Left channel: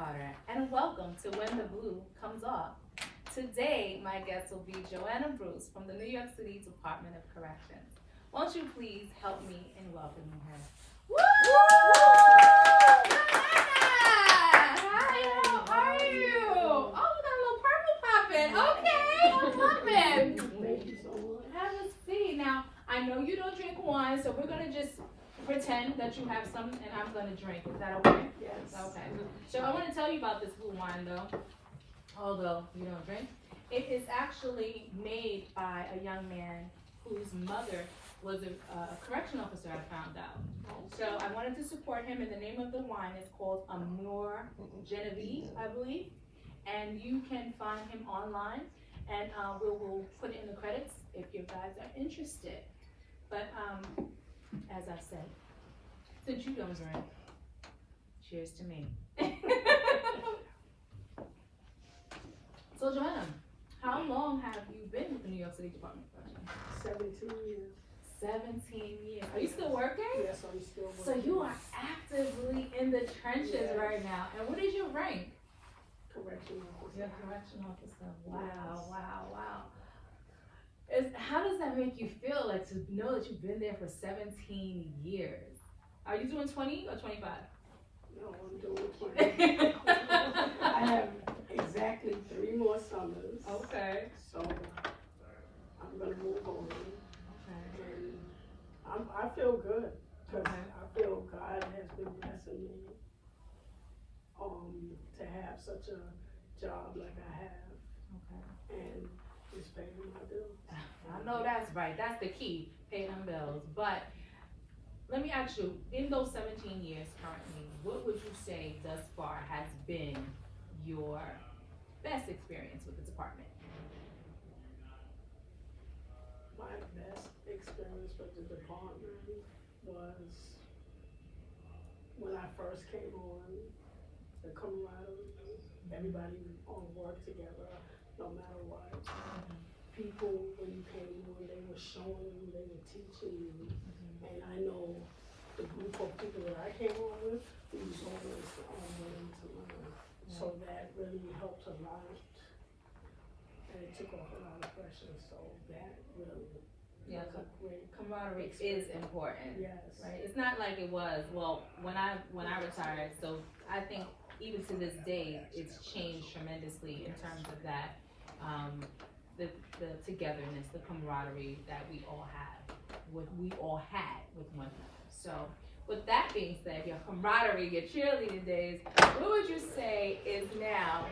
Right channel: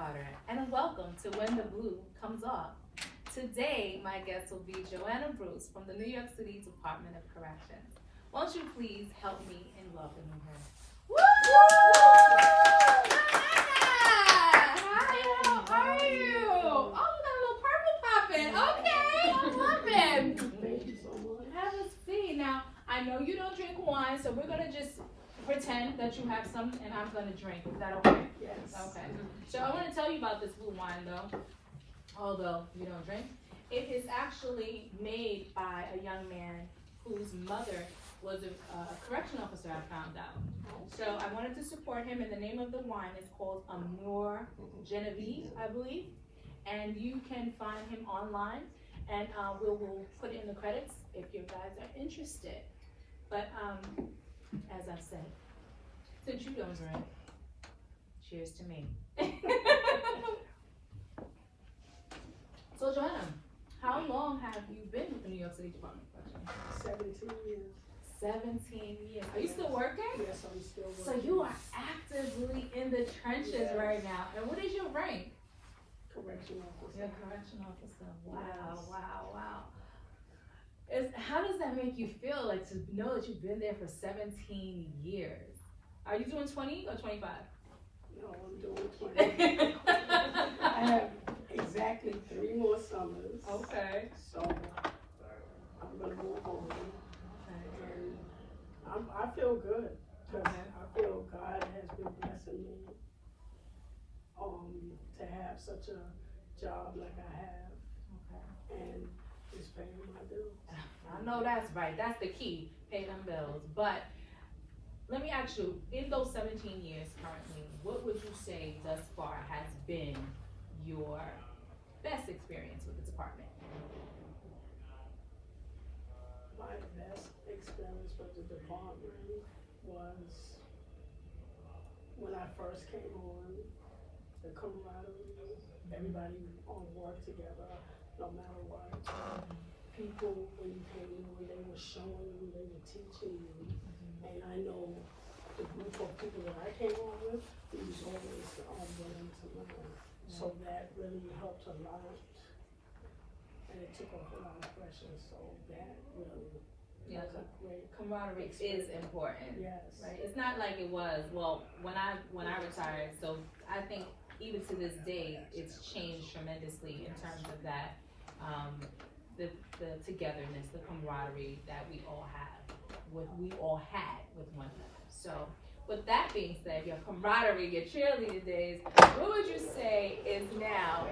Carter, and welcome to When the Blue Comes Off. Today, my guest will be Joanna Bruce from the New York City Department of Corrections. Won't you please help me in welcoming her? Woo! Joanna! Hi, how are you? Oh, we got a little purple popping. Okay, I'm loving. Thank you so much. Have a seat. Now, I know you don't drink wine, so we're gonna just pretend that you have some and I'm gonna drink. Is that okay? Yes. Okay. So I want to tell you about this blue wine though, although you don't drink. It is actually made by a young man whose mother was a correction officer, I found out. So I wanted to support him, and the name of the wine is called Amour Genevieve, I believe. And you can find him online, and we'll put it in the credits if you guys are interested. But as I said, since you don't drink, cheers to me. So Joanna, how long have you been with the New York City Department of Corrections? 17 years. 17 years. Are you still working? Yes, I'm still working. So you are actively in the trenches right now. And what is your rank? Correction officer. You're a correction officer. Wow, Yes. wow. How does that make you feel, like, to know that you've been there for 17 years? Are you doing 20 or 25? No, I'm doing 20. I have exactly 3 more summers. Okay. So I'm going to move on. Okay. And I feel good. Because Okay. I feel God has been blessing me to have such a job like I have. Okay. And it's paying my bills. I know that's right. That's the key. Pay them bills. But let me ask you, in those 17 years currently, what would you say thus far has been your best experience with the department? My best experience with the department was when I first came on, the camaraderie, everybody work together, no matter what. People, when you came on, they were showing you, they were teaching you, and I know the group of people that I came on with, we was always willing to learn. So that really helped a lot, and it took off a lot of pressure, so that really was a great Camaraderie is important. Yes. Right? It's not like it was, well, when I retired, so I think even to this day, it's changed tremendously in terms of that, the togetherness, the camaraderie that we all had with one another. So with that being said, your camaraderie, your cheerleading days, what would you say is now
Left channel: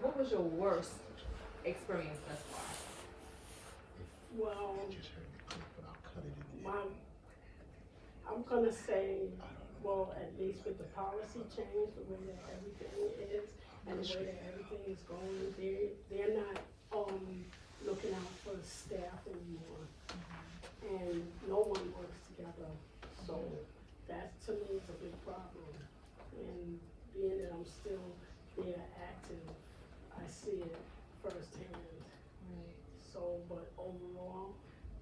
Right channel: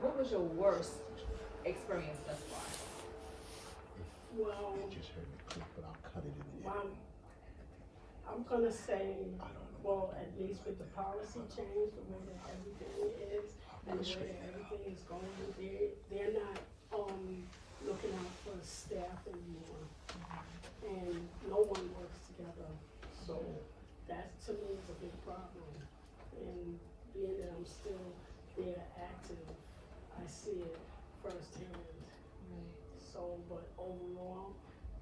what was your worst experience thus far? Well, I'm gonna say, well, at least with the policy change, the way that everything is, and the way that everything is going, they're not looking out for staff anymore, and no one works together. So that to me is a big problem. And being that I'm still there active, I see it firsthand. So, but overall,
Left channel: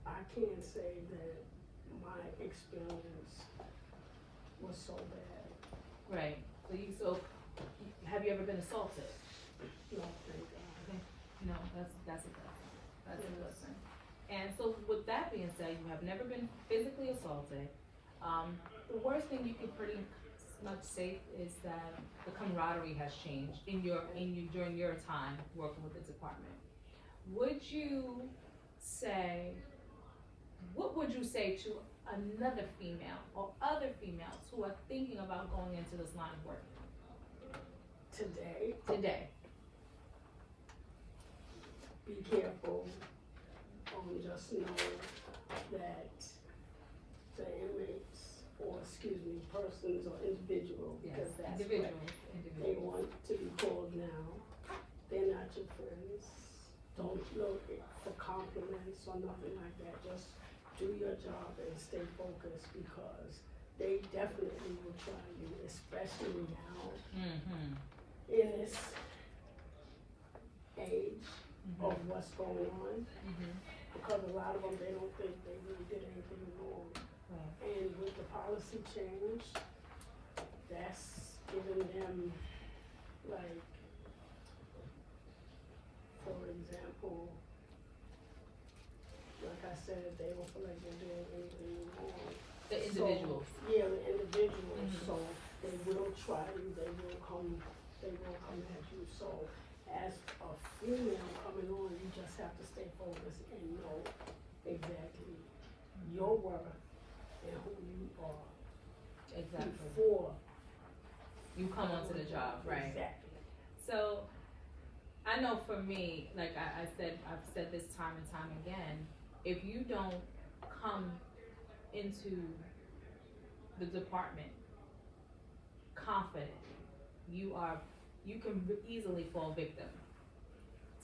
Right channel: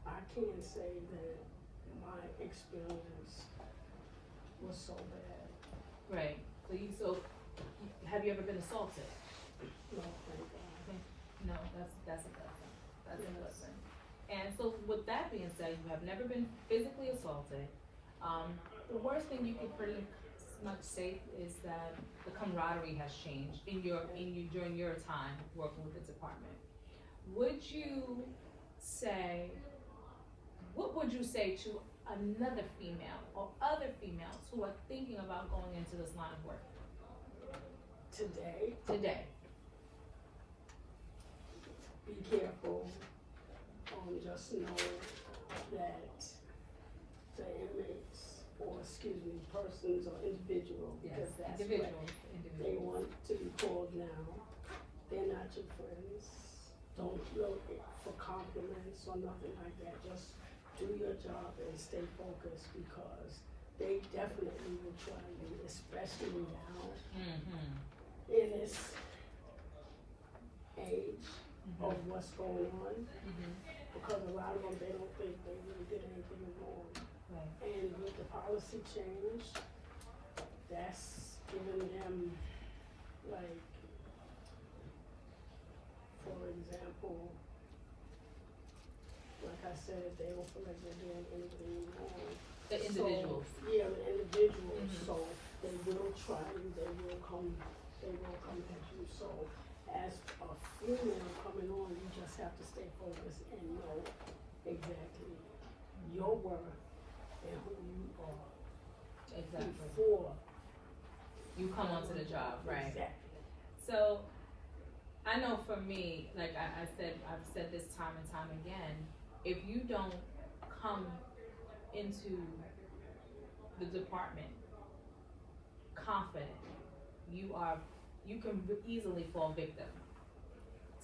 I can't say that my experience was so bad. Right. So have you ever been assaulted? No, thank God. No, that's a blessing. That's a blessing. And so with that being said, you have never been physically assaulted. The worst thing you could pretty much say is that the camaraderie has changed during your time working with the department. What would you say to another female or other females who are thinking about going into this line of work? Today, be careful. Just know that the inmates, or persons or individuals, because that's what they want to be called now. They're not your friends. Don't look for compliments or nothing like that. Just do your job and stay focused, because they definitely will try you, especially now in this age of what's going on. Because a lot of them, they don't think they really did anything wrong. Right. And with the policy change, that's giving them, like, for example, like I said, they don't feel like they're doing anything wrong. The individuals. So, yeah, the individuals, Mhm. so they will try you, they will come at you. So as a female coming on, you just have to stay focused and know exactly your worth and who you are Exactly. before You come onto the job, right? Exactly. So, I know for me, like I've said this time and time again, if you don't come into the department confident, you can easily fall victim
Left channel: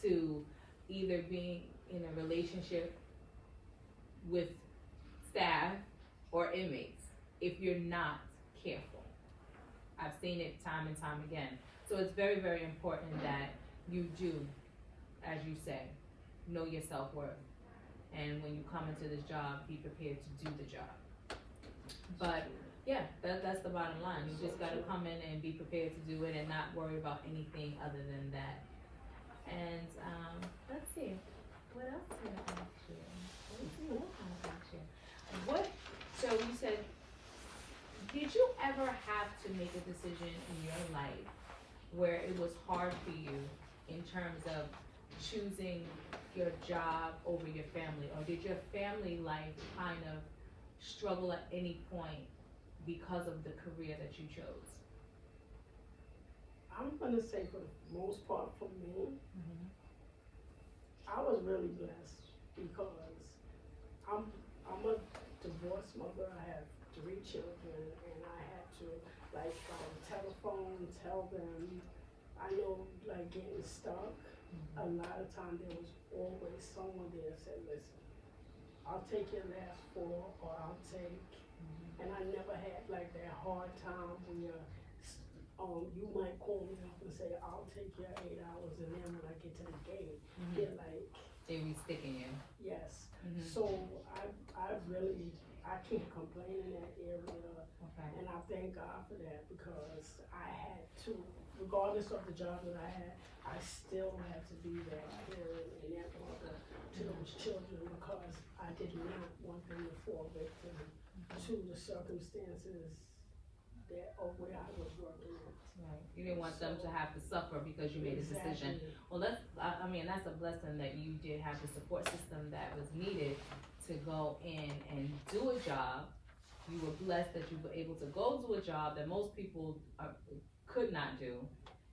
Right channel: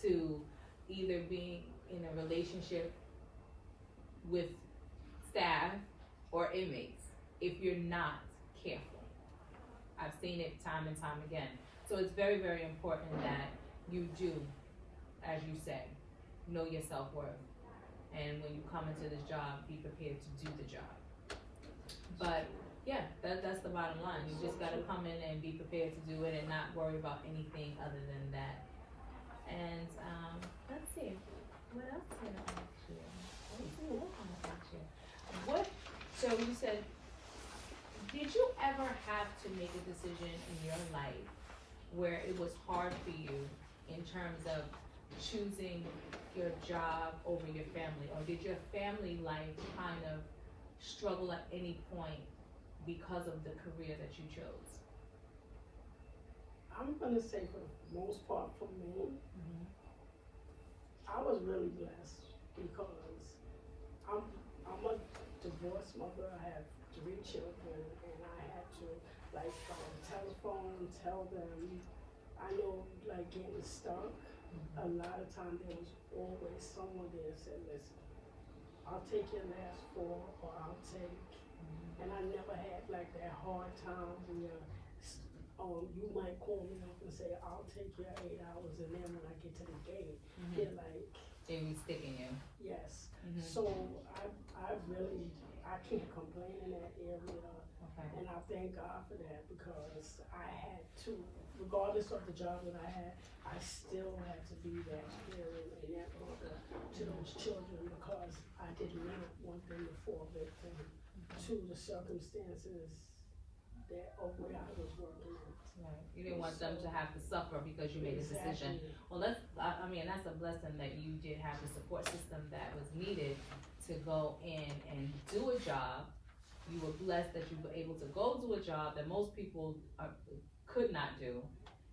to either being in a relationship with staff or inmates if you're not careful. I've seen it time and time again. So it's very, very important that you do, as you say, know your self-worth. And when you come into this job, be prepared to do the job. But yeah, that's the bottom line. You just gotta come in and be prepared to do it and not worry about anything other than that. And let's see, what else can I ask you? So you said, did you ever have to make a decision in your life where it was hard for you in terms of choosing your job over your family? Or did your family life kind of struggle at any point because of the career that you chose? I'm gonna say for the most part for me, I was really blessed because I'm a divorced mother. I have 3 children, and I had to telephone, tell them. I know, like, getting stuck. A lot of times there was always someone there that said, "Listen, I'll take your last 4, or I'll take." And I never had like that hard time where you might call me up and say, "I'll take your 8 hours," and then when I get to the gate, they're like, they be sticking you. yes. So I can't complain in that area. Okay. And I thank God for that because I had to, regardless of the job that I had, I still had to be that parent and that mother to those children because I did not want them to fall victim to the circumstances where I was working in. Right. You didn't want them to have to suffer because you made a decision. Well, that's a blessing that you did have the support system that was needed to go in and do a job. You were blessed that you were able to go do a job that most people could not do.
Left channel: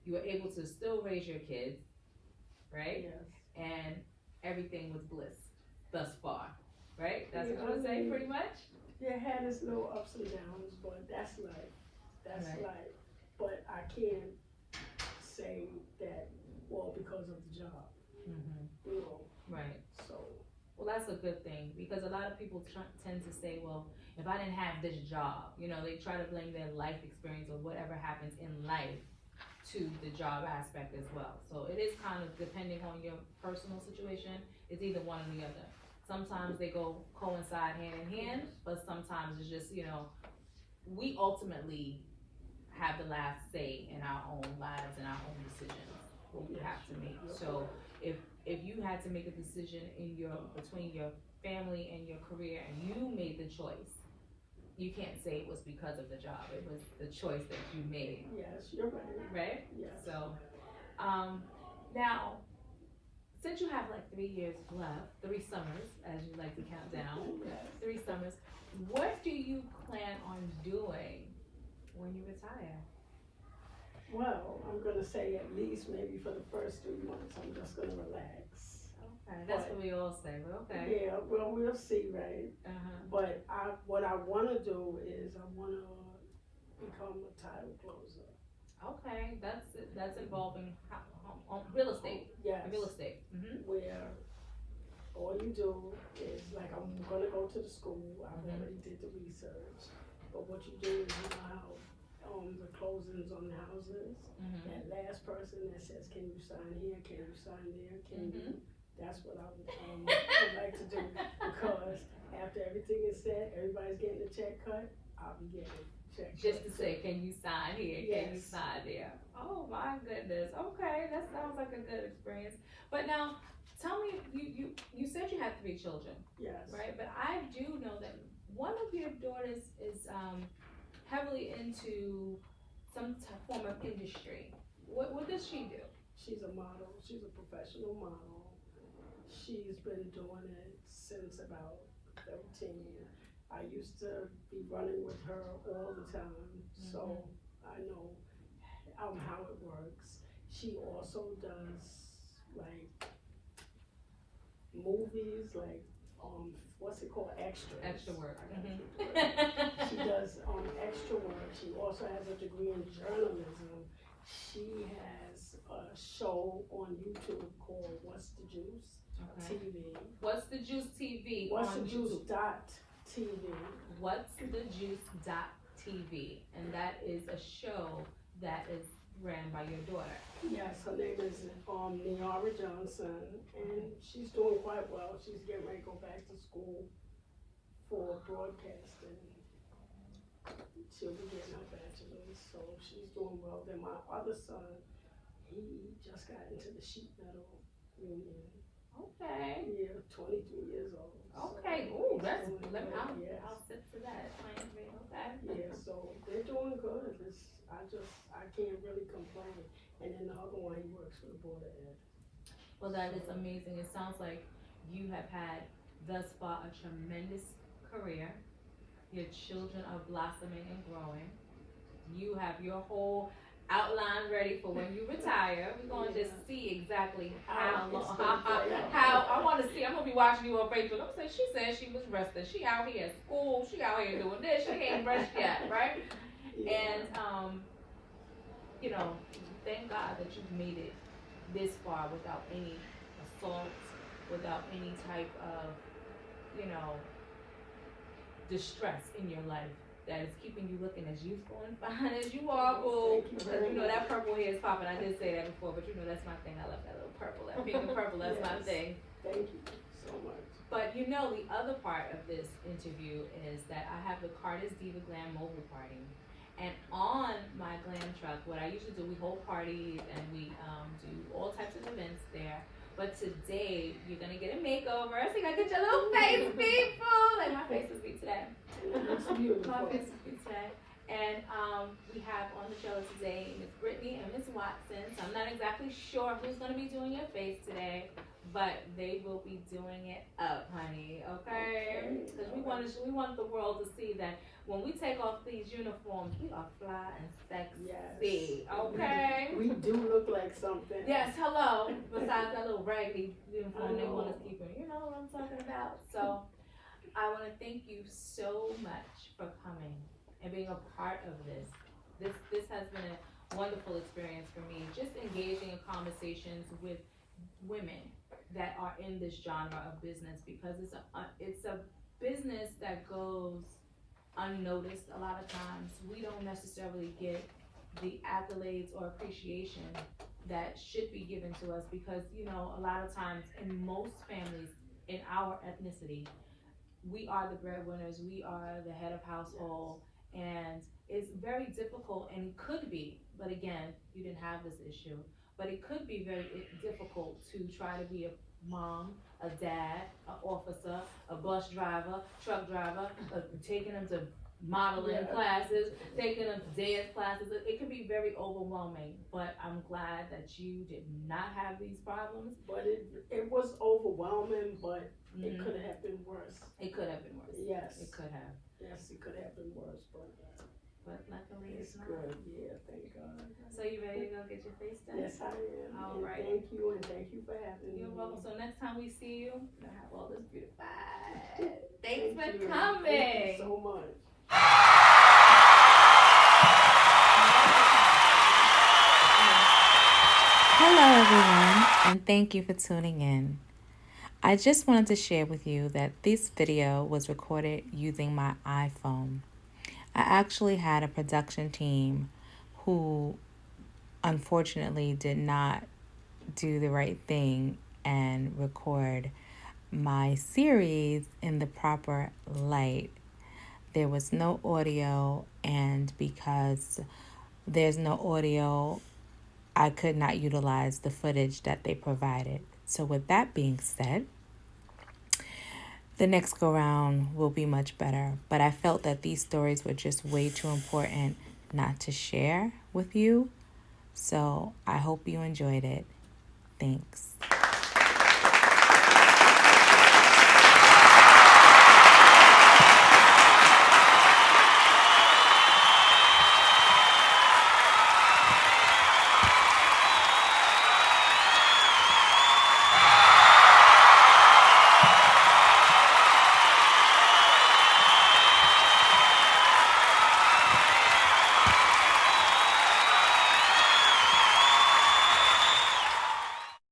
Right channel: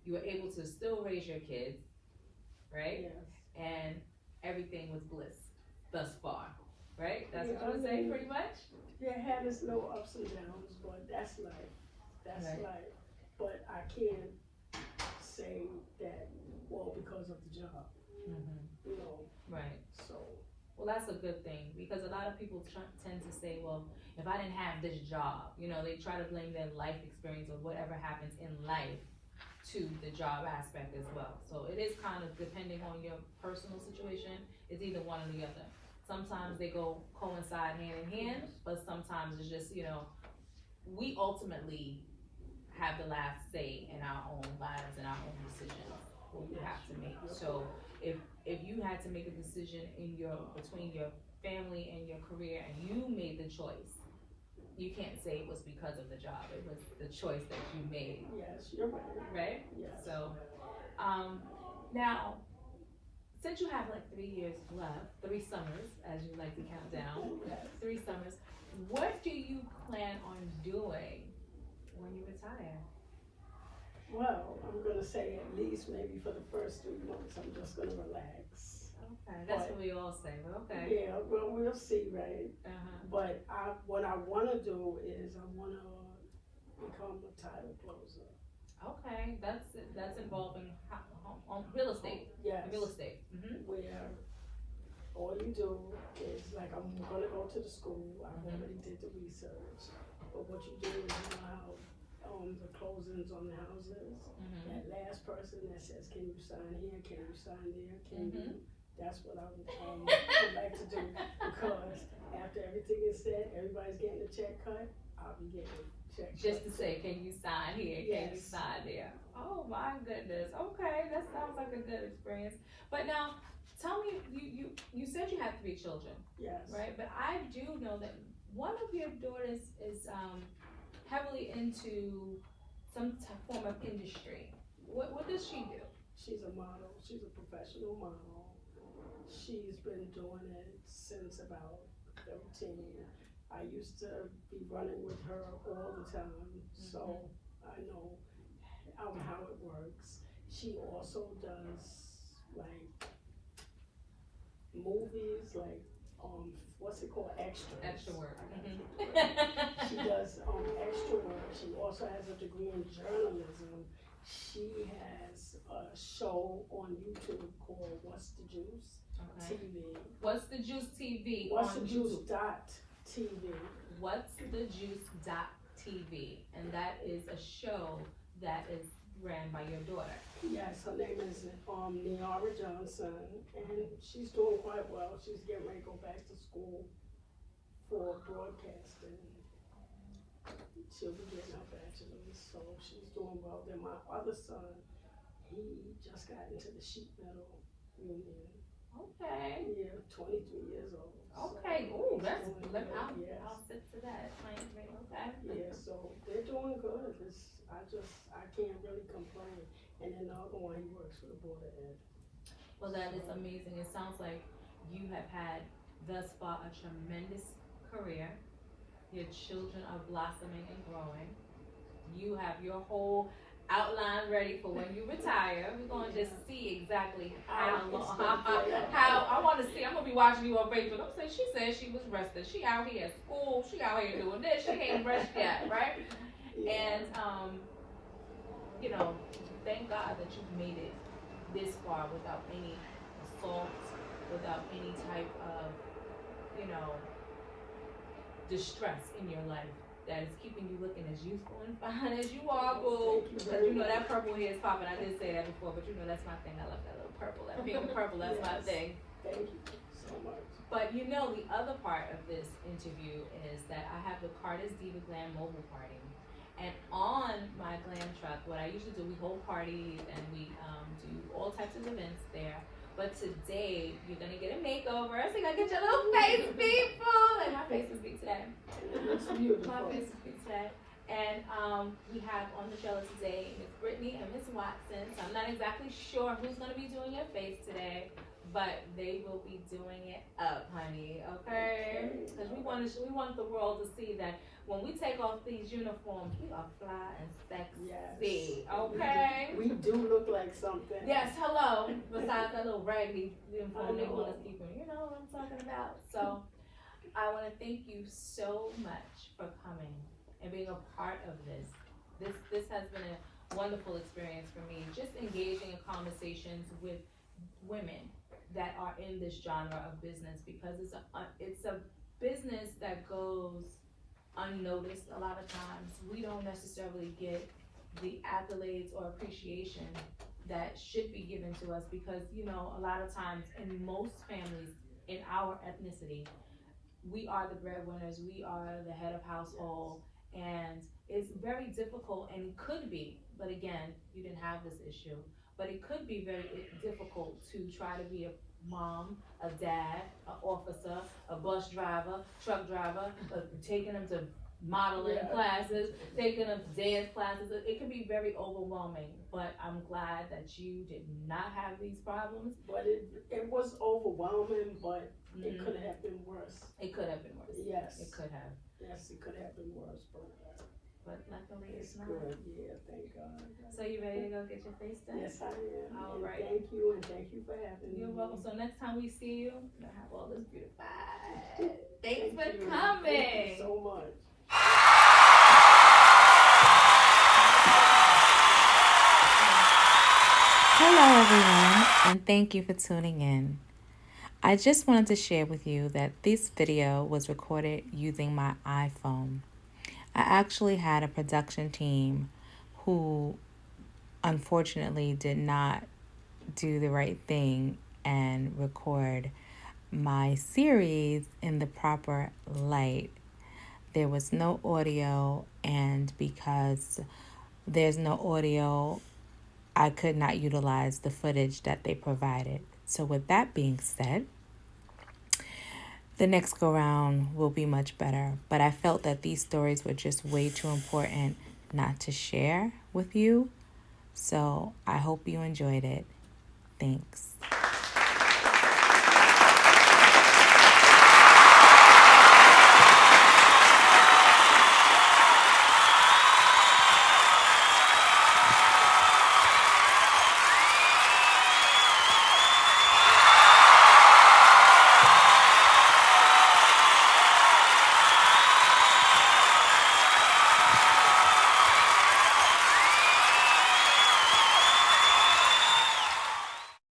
You were able to still raise your kids, right? Yes. And everything was bliss thus far, right? That's what you want to say, pretty much? Yeah, it had its little ups and downs, but that's life. That's Right. life. But I can't say that, well, because of the job, you know, Right. so. Well, that's a good thing because a lot of people tend to say, well, if I didn't have this job, they try to blame their life experience or whatever happens in life to the job aspect as well. So it is kind of depending on your personal situation. It's either one or the other. Sometimes they coincide hand in hand, but sometimes it's just, we ultimately have the last say in our own lives and our own decisions, what we have to make. So if you had to make a decision between your family and your career and you made the choice, you can't say it was because of the job. It was the choice that you made. Yes, you're right. Right? Yes. So, now, since you have like 3 years left, 3 summers, as you like to count down, Yes. 3 summers, what do you plan on doing when you retire? Well, I'm gonna say at least maybe for the first 3 months, I'm just gonna relax. Okay, that's what we all say, but okay. Yeah, well, we'll see, right? But what I wanna do is I wanna become a title closer. Okay, that's involving real estate. Yes. Real estate. Where all you do is, like, I'm gonna go to the school, I've already did the research, but what you do is, how the closings on the houses, that last person that says, can you sign here, can you sign there, can you, that's what I would like to do, because after everything is said, everybody's getting a check cut, I'll be getting a check check. Just to say, can you sign here? Can you Yes. sign there? Oh my goodness. Okay, that sounds like a good experience. But now, tell me, you said you have three children, Yes. right? But I do know that one of your daughters is heavily into some form of industry. What does she do? She's a model. She's a professional model. She's been doing it since about 13. I used to be running with her all the time, so I know how it works. She also does like movies, like what's it called, extras. Extra work. She does extra work. She also has a degree in journalism. She has a show on YouTube called What's the Juice TV. What's the Juice TV What's on the Juice YouTube? TV. What's the Juice TV, and that is a show that is ran by your daughter. Yes, her name is Niara Johnson, and she's doing quite well. She's getting ready to go back to school for broadcasting. She'll be getting her bachelor's, so she's doing well. Then my other son, he just got into the sheet metal union. Okay. Yeah, 23 years old. Okay. So Ooh, that's yes. I'll sit to that. Okay. Yeah, so they're doing good. I can't really complain. And then the other one, he works for the Board of Ed. Well, that is amazing. It sounds like you have had thus far a tremendous career. Your children are blossoming and growing. You have your whole outline ready for when you retire. We're gonna just see exactly how long. How I want to see. I'm gonna be watching you on Facebook. I'm saying she said she was resting. She out here at school. She out here doing this. She ain't rushed yet, right? And you know, thank God that you've made it this far without any assault, without any type of, you know, distress in your life that is keeping you looking as youthful and fine as you are, boo. Because you know that purple hair is popping. I did say that before, but you know that's my thing. I love that little purple, that pink and purple. That's my thing. Thank you so much. But you know, the other part of this interview is that I have the Carter's Diva Glam mobile party. And on my glam truck, what I usually do, we hold parties and we do all types of events there. But today, you're gonna get a makeover. So you're gonna get your little face, people. Like my face is big today. It's beautiful. My face is big today. And we have on the show today Miss Brittany and Miss Watson. So I'm not exactly sure who's gonna be doing your face today, but they will be doing it up, honey. Okay? Because we want the world to see that when we take off these uniforms, we are fly and sexy. Yes. Okay? We do look like something. Yes, hello. Besides that little raggedy uniform they want us keeping. You know what I'm talking about. So I want to thank you so much for coming and being a part of this. This has been a wonderful experience for me. Just engaging in conversations with women that are in this genre of business, because it's a business that goes unnoticed a lot of times. We don't necessarily get the accolades or appreciation that should be given to us, because you know, a lot of times in most families in our ethnicity, we are the breadwinners, we are the head of household, and it's very difficult, and it could be, but again, you didn't have this issue, but it could be very difficult to try to be a mom, a dad, an officer, a bus driver, truck driver, taking them to modeling classes, taking them to dance classes. It can be very overwhelming, but I'm glad that you did not have these problems. But it was overwhelming, but it could have been worse. It could have been worse. Yes. It could have. Yes, it could have been worse, but luckily it's not. Good. Yeah, thank God. So you ready to go get your face done? Yes, I am. All And right. Thank you, and thank you for having me. You're welcome. So next time we see you, you'll have all this beautified. Thanks for you. coming. Thank you so much. Hello, everyone, and thank you for tuning in. I just wanted to share with you that this video was recorded using my iPhone. I actually had a production team who unfortunately did not do the right thing and record my series in the proper light. there was no audio, and because there's no audio, I could not utilize the footage that they provided. So with that being said, the next go round will be much better. But I felt that these stories were just way too important not to share with you. So I hope you enjoyed it. Thanks.